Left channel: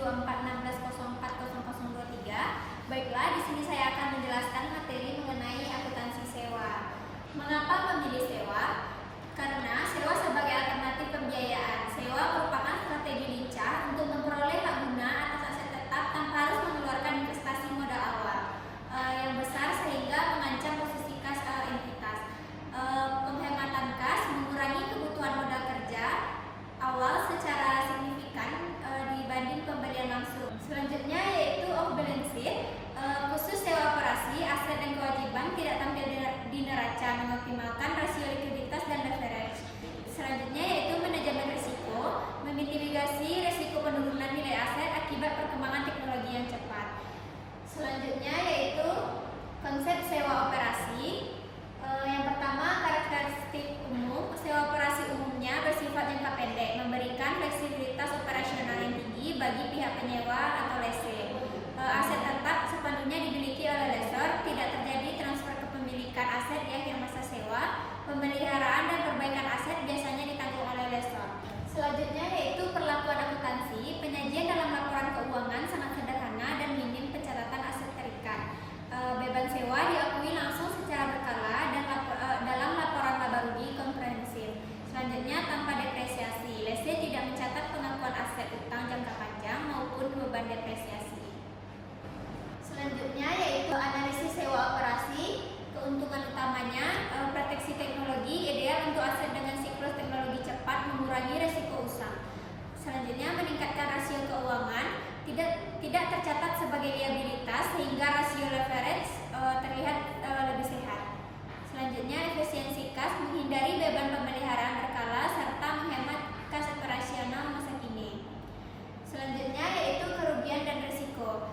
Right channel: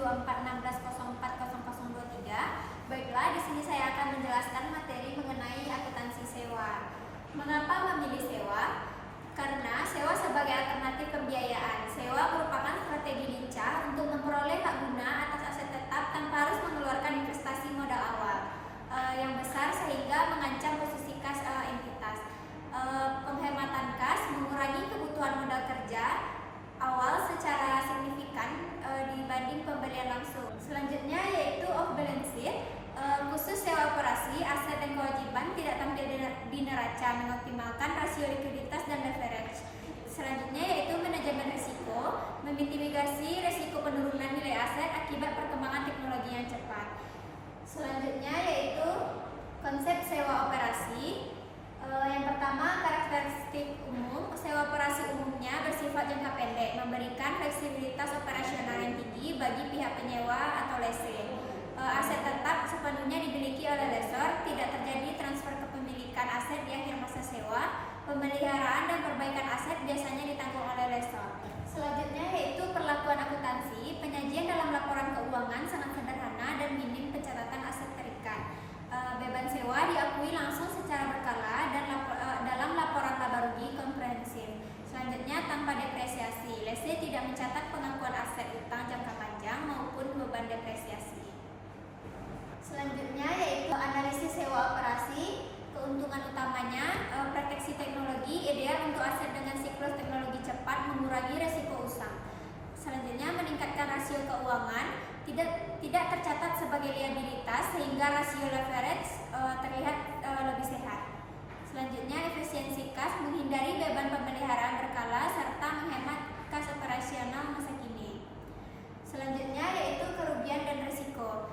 2416404023. Baiklah, di sini saya akan menjelaskan materi mengenai akuntansi sewa. Mengapa memilih sewa? Karena sewa sebagai alternatif pembiayaan. Sewa merupakan strategi lincah untuk memperoleh hak guna atas aset tetap tanpa harus mengeluarkan investasi modal awal yang besar sehingga mengancam posisi kas entitas. Penghematan kas mengurangi kebutuhan modal kerja awal secara signifikan dibanding pembelian langsung. Selanjutnya yaitu off balance sheet. Khusus sewa operasi, aset dan kewajiban tidak tampil di neraca, mengoptimalkan rasio likuiditas dan leverage. Selanjutnya yaitu manajemen risiko, memitigasi risiko penurunan nilai aset akibat perkembangan teknologi yang cepat. Selanjutnya yaitu konsep sewa operasi. Yang pertama, karakteristik umum. Sewa operasi umumnya bersifat jangka pendek, memberikan fleksibilitas operasional yang tinggi bagi pihak penyewa atau lessee. Aset tetap sepenuhnya dimiliki oleh lessor, tidak terjadi transfer kepemilikan aset di akhir masa sewa. Pemeliharaan dan perbaikan aset biasanya ditanggung oleh lessor. Selanjutnya yaitu perlakuan akuntansi. Penyajian dalam laporan keuangan sangat sederhana dan minim pencatatan aset terikat. Beban sewa diakui langsung secara berkala dan dalam laporan laba rugi komprehensif. Selanjutnya tanpa depresiasi. Lessee tidak mencatat pengakuan aset utang jangka panjang maupun beban depresiasi. Selanjutnya yaitu analisis sewa operasi. Keuntungan utamanya, proteksi teknologi ideal untuk aset dengan siklus teknologi cepat, mengurangi resiko usang. Selanjutnya meningkatkan rasio keuangan, tidak tercatat sebagai liabilitas sehingga rasio leverage terlihat lebih sehat. Selanjutnya efisiensi kas, menghindari beban pemeliharaan berkala serta menghemat kas operasional masa kini. Selanjutnya yaitu kerugian dan risiko.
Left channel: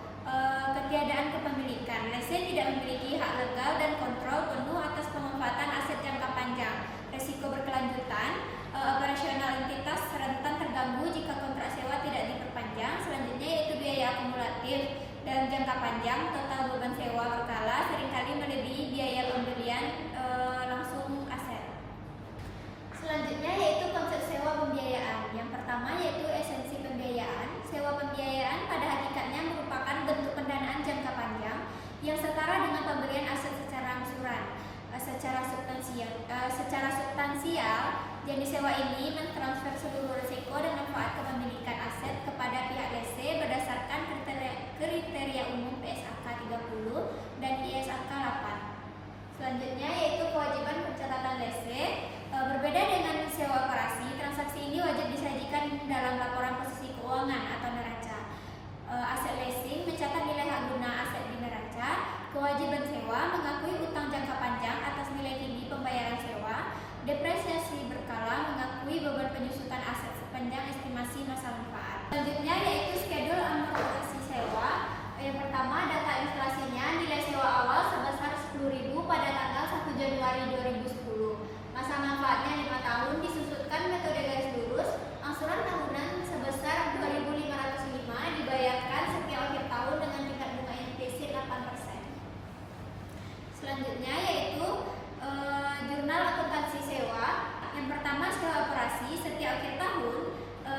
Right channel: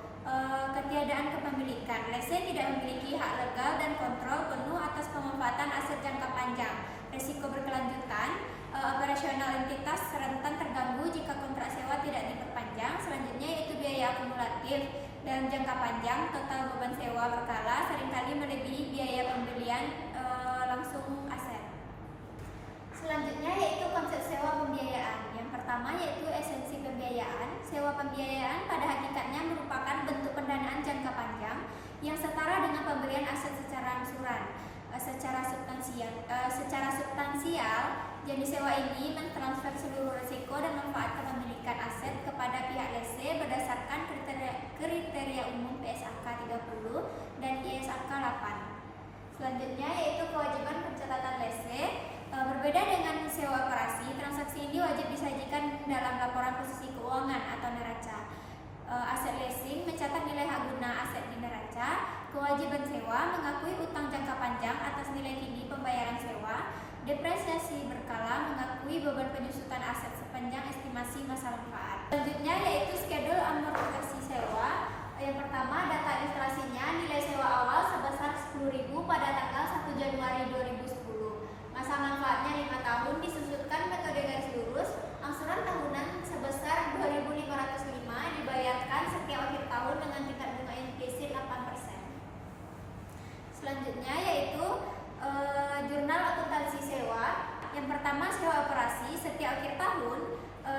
Ketiadaan kepemilikan. Lessee tidak memiliki hak legal dan kontrol penuh atas pemanfaatan aset jangka panjang. Risiko berkelanjutan. Operasional entitas rentan terganggu jika kontrak sewa tidak diperpanjang. Selanjutnya yaitu biaya akumulatif dalam jangka panjang. Total beban sewa berkala seringkali melebihi biaya pembelian langsung aset. Selanjutnya yaitu konsep sewa pembiayaan. Yang pertama yaitu esensi pembiayaan. Sewa pembiayaan pada hakikatnya merupakan bentuk pendanaan jangka panjang yang setara dengan pembelian aset secara angsuran. Secara substansial, jenis sewa ini mentransfer seluruh risiko dan manfaat kepemilikan aset kepada pihak lessee berdasarkan kriteria umum PSAK 30 dan ISAK 8. Selanjutnya yaitu kewajiban pencatatan lessee. Berbeda dengan sewa operasi, transaksi ini wajib disajikan dalam laporan posisi keuangan atau neraca. Aset leasing mencatat nilai hak guna aset di neraca. Kewajiban sewa mengakui utang jangka panjang atas nilai tinggi pembayaran sewa. Depresiasi berkala mengakui beban penyusutan aset sepanjang estimasi masa manfaat. Selanjutnya yaitu schedule amortisasi sewa. Yang pertama, data ilustrasinya, nilai sewa awal sebesar 10.000 pada tanggal 1 Januari 2010. Masa manfaatnya 5 tahun, disusutkan metode garis lurus. Angsuran tahunan sebesar 2.505 dibayarkan setiap akhir tahun dengan tingkat bunga implisit 8%. Selanjutnya yaitu jurnal akuntansi sewa. Yang pertama, sewa operasi. Setiap akhir tahun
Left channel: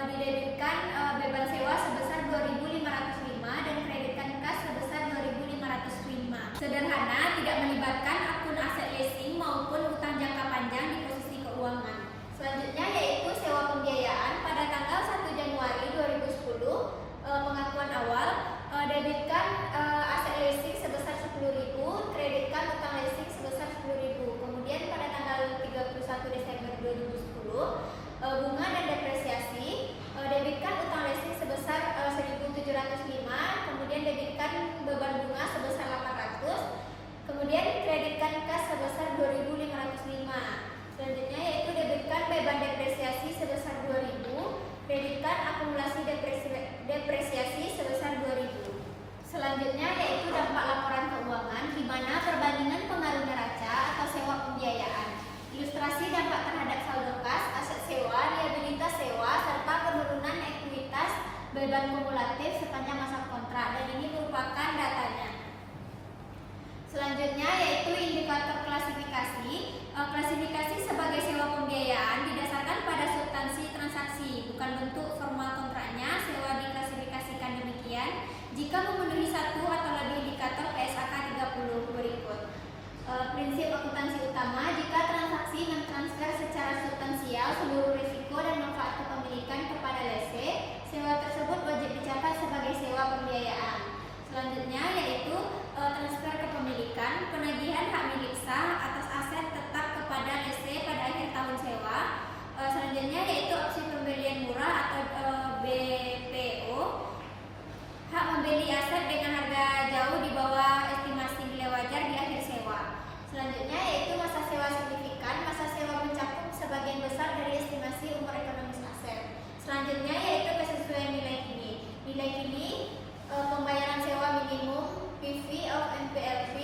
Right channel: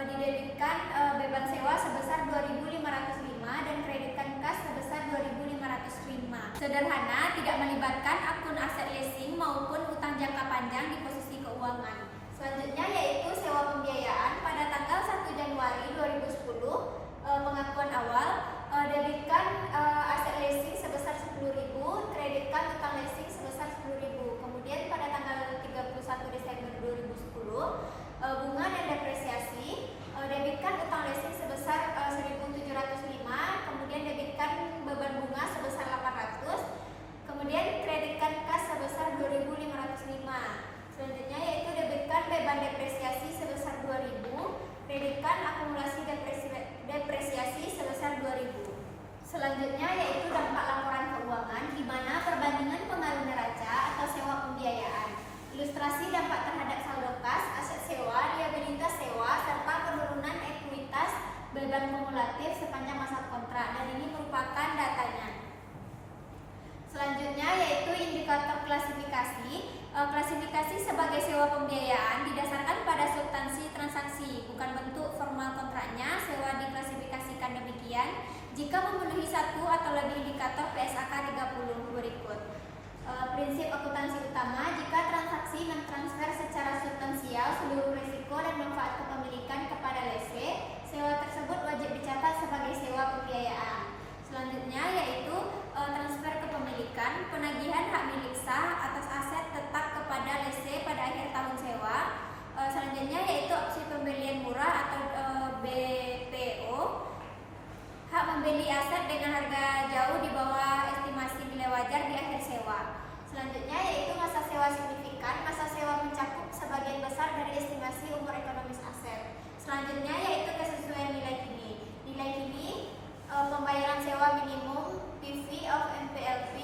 didebitkan beban sewa sebesar 2.505 dan kreditkan kas sebesar 2.505. Sederhana, tidak melibatkan akun aset leasing maupun utang jangka panjang di posisi keuangan. Selanjutnya yaitu sewa pembiayaan. Pada tanggal 1 Januari 2010, pengakuan awal, debitkan aset leasing sebesar 10.000, kreditkan utang leasing sebesar 10.000. Kemudian pada tanggal 31 Desember 2010, bunga dan depresiasi, debitkan utang leasing sebesar 1.705, kemudian debitkan beban bunga sebesar 800, kemudian kreditkan kas sebesar 2.505. Selanjutnya yaitu debitkan beban depresiasi sebesar 2.000, kreditkan akumulasi depresiasi sebesar 2.000. Selanjutnya yaitu dampak laporan keuangan, di mana perbandingan pengaruh neraca atau sewa pembiayaan. Ilustrasi dampak terhadap saldo kas, aset sewa, liabilitas sewa, serta penurunan ekuitas beban kumulatif sepanjang masa kontrak, dan ini merupakan datanya. Selanjutnya yaitu indikator klasifikasi. Klasifikasi sebagai sewa pembiayaan didasarkan pada substansi transaksi, bukan bentuk formal kontraknya. Sewa diklasifikasikan pembelian jika memenuhi satu atau lebih indikator PSAK 30 berikut. Prinsip akuntansi utama, jika transaksi mentransfer secara substansial seluruh risiko dan manfaat kepemilikan kepada lese, sewa tersebut wajib dicatat sebagai sewa pembiayaan. Selanjutnya yaitu transfer kepemilikan, penagihan hak milik sah atas aset tetap kepada lese pada akhir tahun sewa. Selanjutnya yaitu opsi pembelian murah atau BPO, hak membeli aset dengan harga jauh di bawah estimasi nilai wajar di akhir sewa. Selanjutnya yaitu masa sewa signifikan, masa sewa mencakup sebagian besar dari estimasi umur ekonomis aset. Selanjutnya yaitu kesesuaian nilai kini. Nilai kini pembayaran sewa minimum PV of NPLV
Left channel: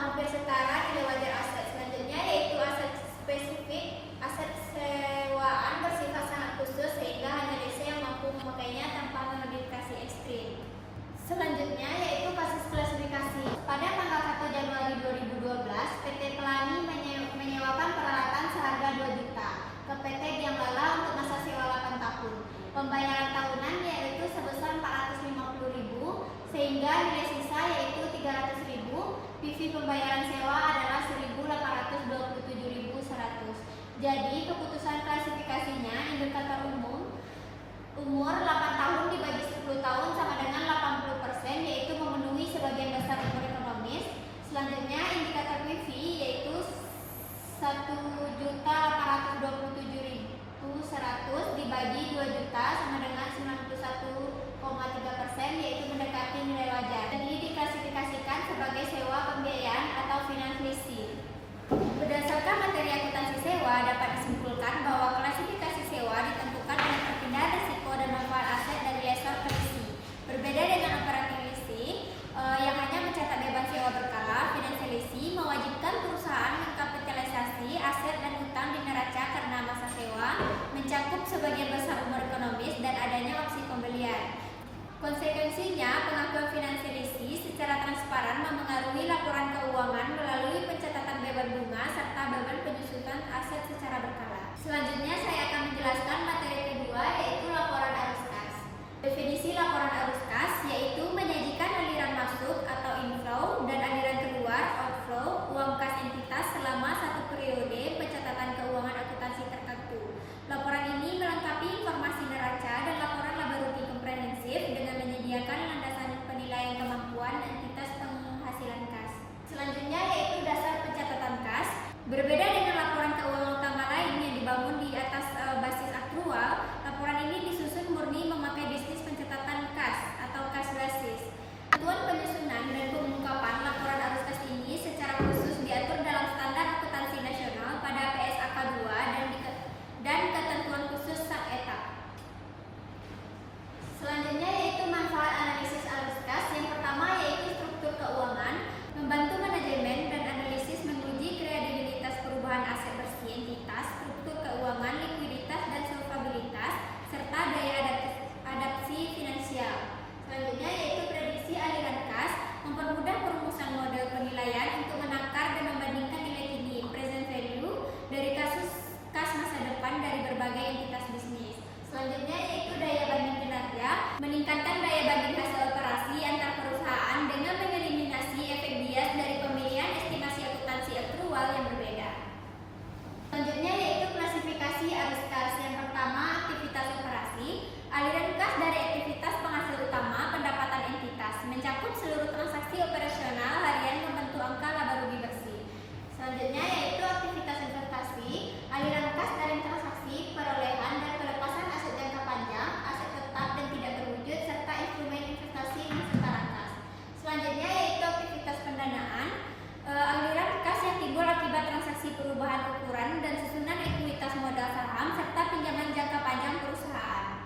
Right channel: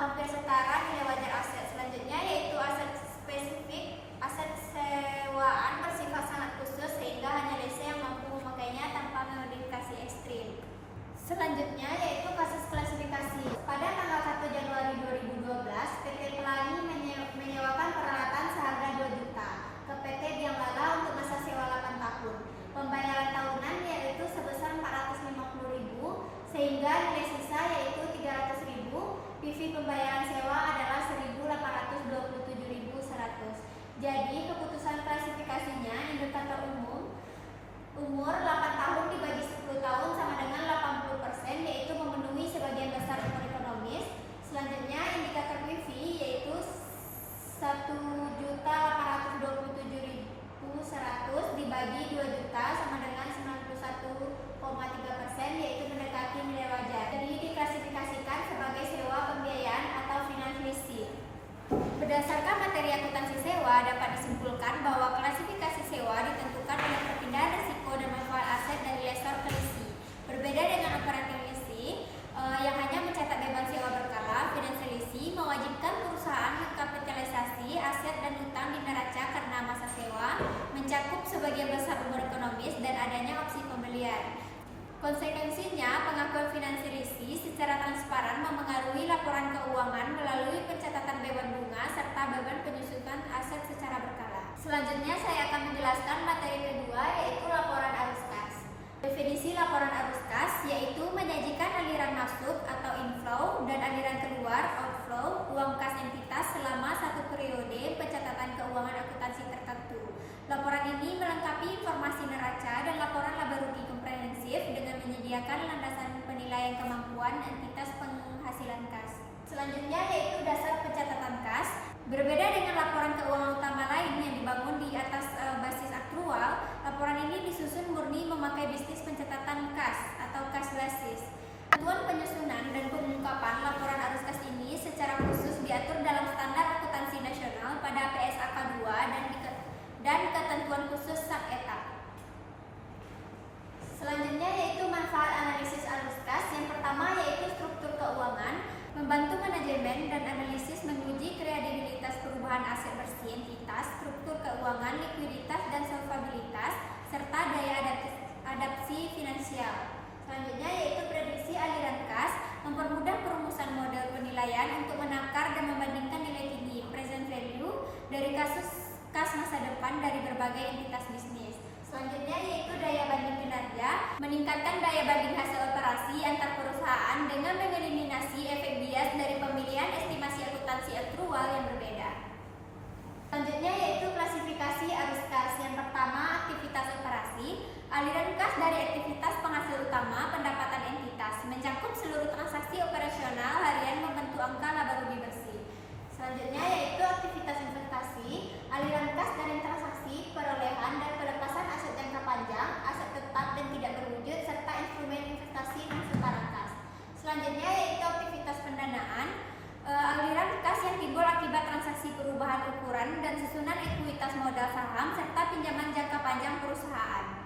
hampir setara nilai wajar aset. Selanjutnya yaitu aset spesifik, aset sewaan bersifat sangat khusus sehingga hanya lese yang mampu memakainya tanpa modifikasi ekstrim. Selanjutnya yaitu kasus klasifikasi. Pada tanggal 1 Januari 2012, PT Pelangi menyewakan peralatan seharga 2 juta ke PT Biang Lala untuk masa sewa 8 tahun. Pembayaran tahunan yaitu sebesar 450.000 sehingga nilai sisa yaitu 300.000. PV pembayaran sewa adalah 1.827.100. Jadi keputusan klasifikasinya indikator umur 8 tahun dibagi 10 tahun sama dengan 80%, yaitu memenuhi sebagian besar umur ekonomis. Selanjutnya indikator PV yaitu 1.827.100 dibagi 2 juta sama dengan 91,3%, yaitu mendekati nilai wajar. Jadi diklasifikasikan sebagai sewa pembiayaan atau finance leasing. Berdasarkan materi akuntansi sewa, dapat disimpulkan bahwa klasifikasi sewa ditentukan oleh perpindahan risiko dan manfaat aset dari lessor ke lessee. Berbeda dengan operating leasing yang hanya mencetak beban sewa berkala, financial leasing mewajibkan perusahaan mengkapitalisasi aset dan utang di neraca karena masa sewa mencakup sebagian besar umur ekonomis dan adanya opsi pembelian. Konsekuensinya, pengakuan financial leasing secara transparan memengaruhi laporan keuangan melalui pencatatan beban bunga serta beban penyusutan aset secara berkala. Selanjutnya saya akan menjelaskan materi kedua yaitu laporan arus kas. Definisi laporan arus kas yaitu menyajikan aliran masuk atau inflow dan aliran keluar outflow uang kas entitas selama satu periode pencatatan keuangan akuntansi tertentu. Laporan ini melengkapi informasi neraca dan laporan laba rugi komprehensif dengan menyediakan landasan penilaian kemampuan entitas penghasilan kas. Selanjutnya yaitu dasar pencatatan kas. Berbeda dengan laporan keuangan utama lain yang dibangun di atas basis aktual, laporan ini disusun murni memakai bisnis pencatatan kas atau cash basis. Ketentuan penyusunan dan pengungkapan laporan arus kas ini secara khusus diatur dalam standar akuntansi nasional pada PSAK 2 dan ketentuan khusus sub-etap. Selanjutnya yaitu manfaat analisis arus kas. Yang pertama yaitu struktur keuangan, membantu manajemen dan analisis menguji kredibilitas perubahan aset bersih entitas, struktur keuangan, likuiditas dan solvabilitas, serta daya adaptasi finansial. Selanjutnya yaitu prediksi aliran kas, mempermudah perumusan model penilaian untuk menakar dan membandingkan nilai kini present value dari kasus kas masa depan dari berbagai entitas bisnis. Selanjutnya yaitu daya banding kinerja, meningkatkan daya banding hasil operasi antar perusahaan dengan mengeliminasi efek bias dari pemilihan estimasi akuntansi aktual yang berbeda. Selanjutnya yaitu klasifikasi arus kas. Yang pertama aktivitas operasi, aliran kas dari aktivitas penghasil utama pendapatan entitas, mencakup seluruh transaksi operasional harian membentuk angka laba rugi bersih. Selanjutnya yaitu aktivitas investasi, aliran kas dari transaksi perolehan dan pelepasan aset jangka panjang, aset tetap dan tidak berwujud, serta instrumen investasi non setara kas. Selanjutnya yaitu aktivitas pendanaan, aliran kas yang timbul akibat transaksi perubahan ukuran dan susunan ekuitas modal saham serta pinjaman jangka panjang perusahaan.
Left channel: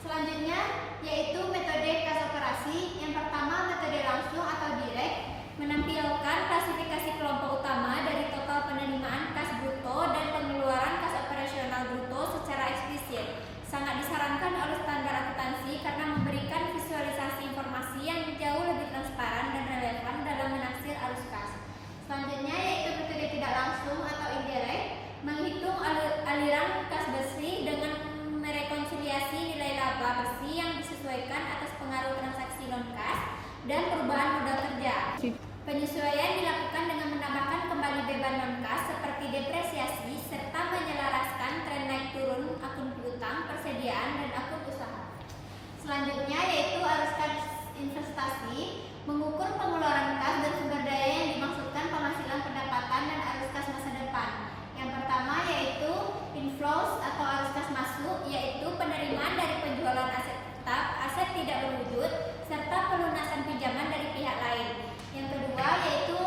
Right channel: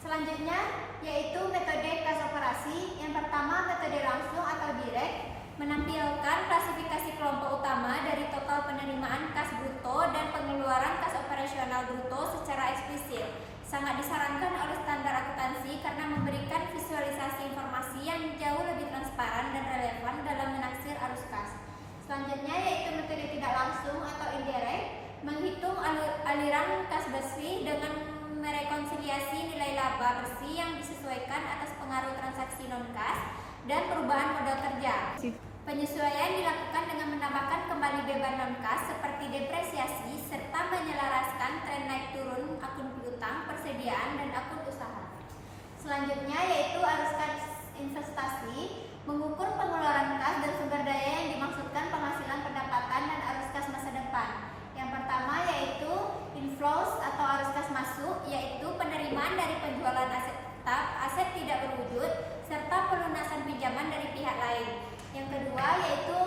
Selanjutnya yaitu metode kas operasi. Yang pertama metode langsung atau direct, menampilkan klasifikasi kelompok utama dari total penerimaan kas bruto dan pengeluaran kas operasional bruto secara eksplisit. Sangat disarankan oleh standar akuntansi karena memberikan visualisasi informasi yang jauh lebih transparan dan relevan dalam menaksir arus kas. Selanjutnya yaitu metode tidak langsung atau indirect, menghitung aliran kas bersih dengan merekonsiliasi nilai laba bersih yang disesuaikan atas pengaruh transaksi non-kas dan perubahan modal kerja. Penyesuaian dilakukan dengan menambahkan kembali beban non-kas seperti depresiasi serta menyelaraskan tren naik turun akun piutang, persediaan, dan akun usaha. Selanjutnya yaitu arus kas investasi, mengukur pengeluaran kas dan sumber daya yang dimaksudkan penghasilan pendapatan dan arus kas masa depan. Yang pertama yaitu inflows atau arus kas masuk, yaitu penerimaan dari penjualan aset tetap, aset tidak berwujud, serta pelunasan pinjaman dari pihak lain. Yang kedua yaitu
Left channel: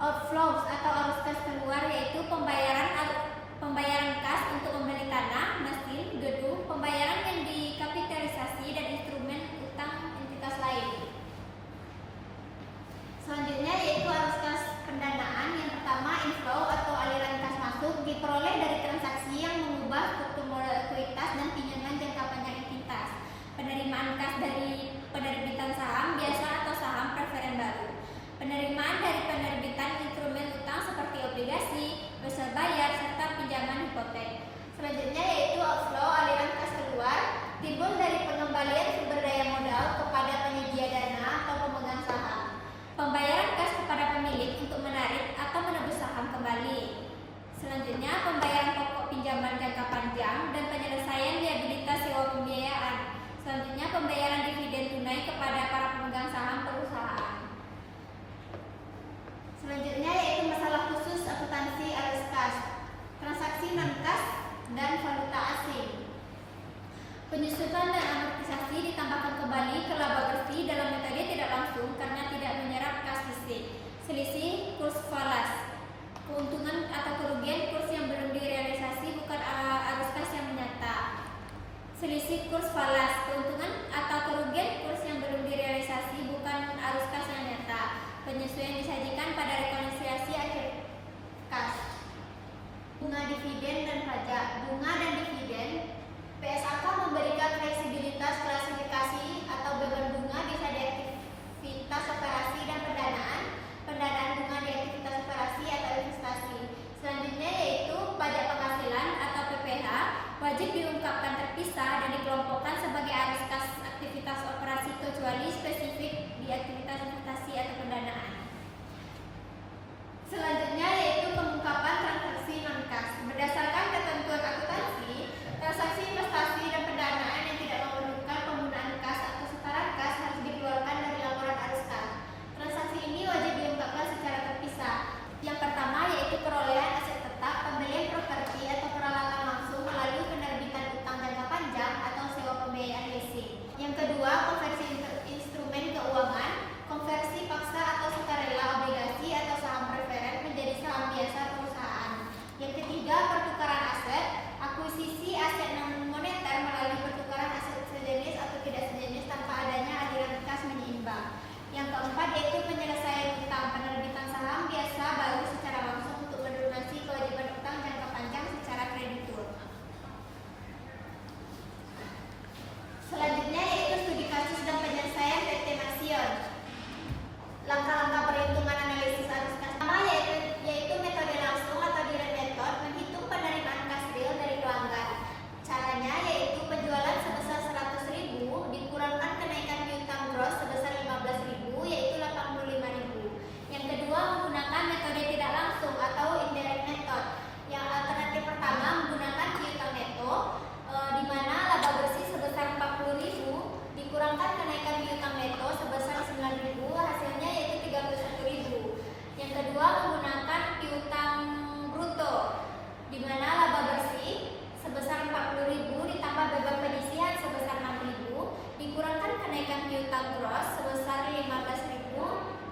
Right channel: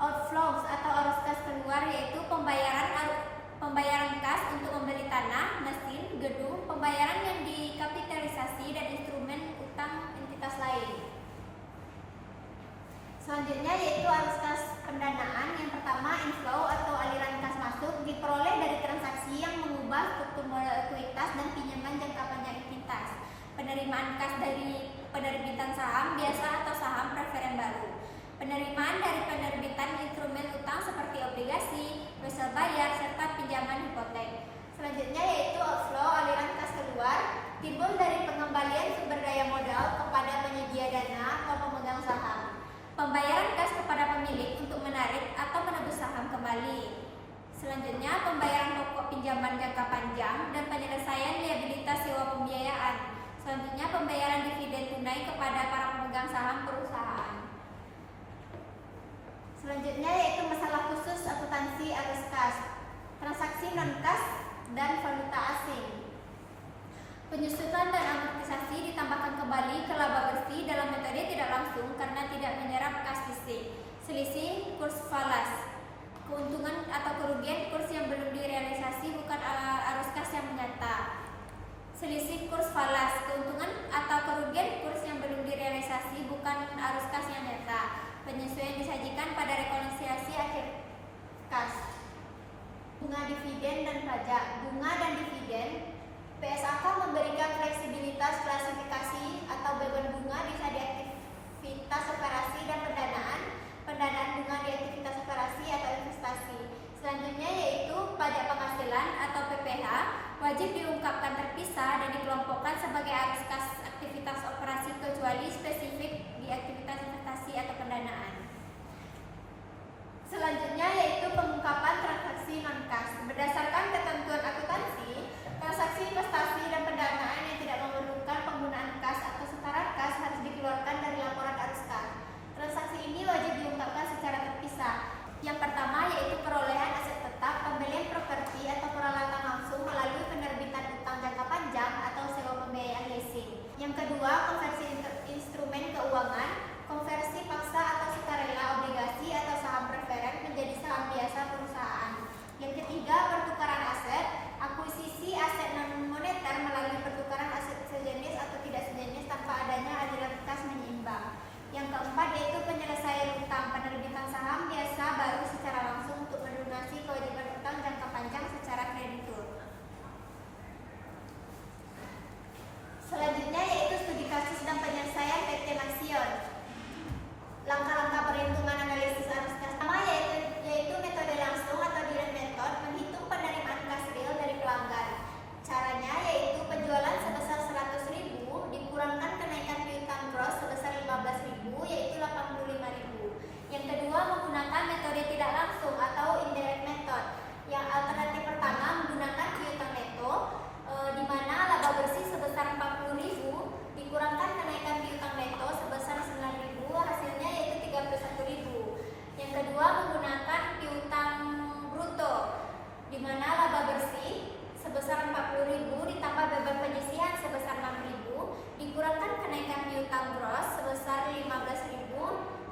outflows atau arus kas keluar, yaitu pembayaran kas untuk membeli tanah, mesin, gedung, pembayaran yang dikapitalisasi dan instrumen utang entitas lain. Selanjutnya yaitu arus kas pendanaan. Yang pertama, inflow atau aliran kas masuk diperoleh dari transaksi yang mengubah struktur modal ekuitas dan pinjaman jangka panjang ekuitas. Penerimaan kas dari penerbitan saham biasa atau saham preferen baru. Penerimaan dari penerbitan instrumen utang seperti obligasi, wesel bayar, serta pinjaman hipotek. Selanjutnya yaitu outflow, aliran kas keluar, timbul dari pengembalian sumber daya modal kepada penyedia dana atau pemegang saham. Pembayaran kas kepada pemilik untuk menarik atau menebus saham kembali. Selanjutnya pembayaran pokok pinjaman jangka panjang dan penyelesaian liabilitas sewa pembiayaan. Selanjutnya pembayaran dividen tunai kepada para pemegang saham perusahaan. Selanjutnya yaitu masalah khusus akuntansi arus kas, transaksi non-kas, dan valuta asing. Penyusutan dan amortisasi ditambahkan kembali ke laba bersih dalam metode tidak langsung karena tidak menyerap kas fisik. Selisih kurs falas, keuntungan atau kerugian kurs yang belum direalisasi bukan arus kas yang menyata. Selisih kurs falas, keuntungan atau kerugian kurs yang belum direalisasi bukan arus kas yang nyata. Penyesuaian disajikan pada rekonsiliasi akhir kas. Bunga dividen dan pajak. Bunga dan dividen, PSAK memberikan fleksibilitas klasifikasi atau beban bunga bisa di aktivitas operasi dan pendanaan bunga di aktivitas operasi atau investasi. Selanjutnya yaitu pajak penghasilan atau PPH, wajib diungkapkan terpisah dan dikelompokkan sebagai arus kas aktivitas operasi kecuali spesifik di aktivitas investasi atau pendanaan. Selanjutnya yaitu pengungkapan transaksi non-kas. Berdasarkan ketentuan akuntansi, transaksi investasi dan pendanaan yang tidak memerlukan penggunaan kas atau setoran kas harus dikeluarkan dari laporan arus kas. Transaksi ini wajib diungkapkan secara terpisah. Yang pertama yaitu perolehan aset tetap, pembelian properti atau peralatan langsung melalui penerbitan utang jangka panjang atau sewa pembiayaan leasing. Yang kedua, konversi instrumen keuangan, konversi paksa atau sukarela obligasi atau saham preferen menjadi saham biasa perusahaan. Yang ketiga, pertukaran aset, akuisisi aset non moneter melalui pertukaran aset sejenis atau tidak sejenis tanpa adanya aliran kas menyeimbang. Yang keempat yaitu penyelesaian utang, penerbitan saham biasa baru secara langsung untuk melunasi kewajiban utang jangka panjang secara kreditur. Selanjutnya yaitu studi kasus dan penyelesaian PT Maxion. Langkah-langkah perhitungan analisis arus kas pertama yaitu metode langsung atau direct method, menghitung penerimaan kas real dari pelanggan. Caranya yaitu penjualan sebesar 100.000 dikurangkan kenaikan piutang gross sebesar 15.000 yaitu 85.000. Yang kedua menggunakan metode tidak langsung atau indirect method. Yang alternatif pertama menggunakan piutang neto di mana laba bersih sebesar 40.000 dikurangkan kenaikan piutang neto sebesar 9.000, hasilnya yaitu 31.000. Yang kedua menggunakan piutang bruto di mana laba bersih sebesar 40.000 ditambah beban penyisihan sebesar 6.000 dikurangkan kenaikan piutang gross sebesar 15.000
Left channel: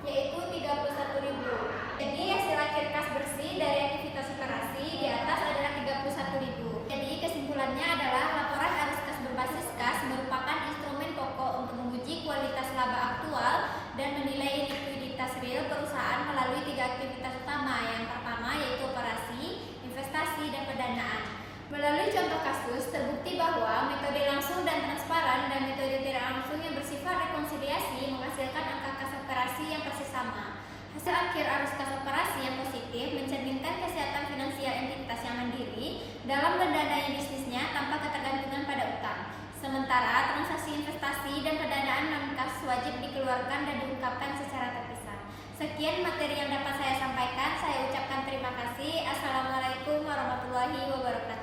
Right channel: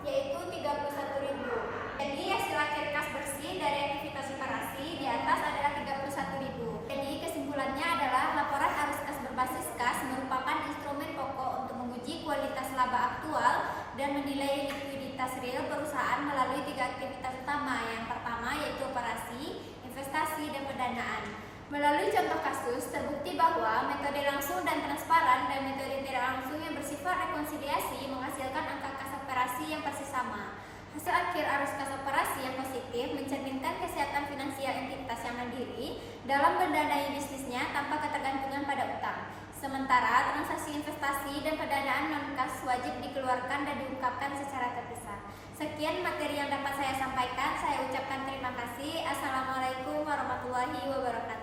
yaitu 31.000. Jadi hasil akhir kas bersih dari aktivitas operasi di atas adalah 31.000. Jadi kesimpulannya adalah laporan arus kas berbasis kas merupakan instrumen pokok untuk menguji kualitas laba aktual dan menilai likuiditas real perusahaan melalui 3 aktivitas utama. Yang pertama yaitu operasi, investasi, dan pendanaan. Melalui contoh kasus, terbukti bahwa metode langsung dan transparan dan metode tidak langsung yang bersifat rekonsiliasi menghasilkan angka kas operasi yang persis sama. Hasil akhir arus kas operasi yang positif mencerminkan kesehatan finansial entitas yang mandiri dalam berdanai bisnisnya tanpa ketergantungan pada utang. Sementara transaksi investasi dan pendanaan non-kas wajib dikeluarkan dan diungkapkan secara terpisah. Sekian materi yang dapat saya sampaikan. Saya ucapkan terima kasih. Assalamualaikum warahmatullahi wabarakatuh.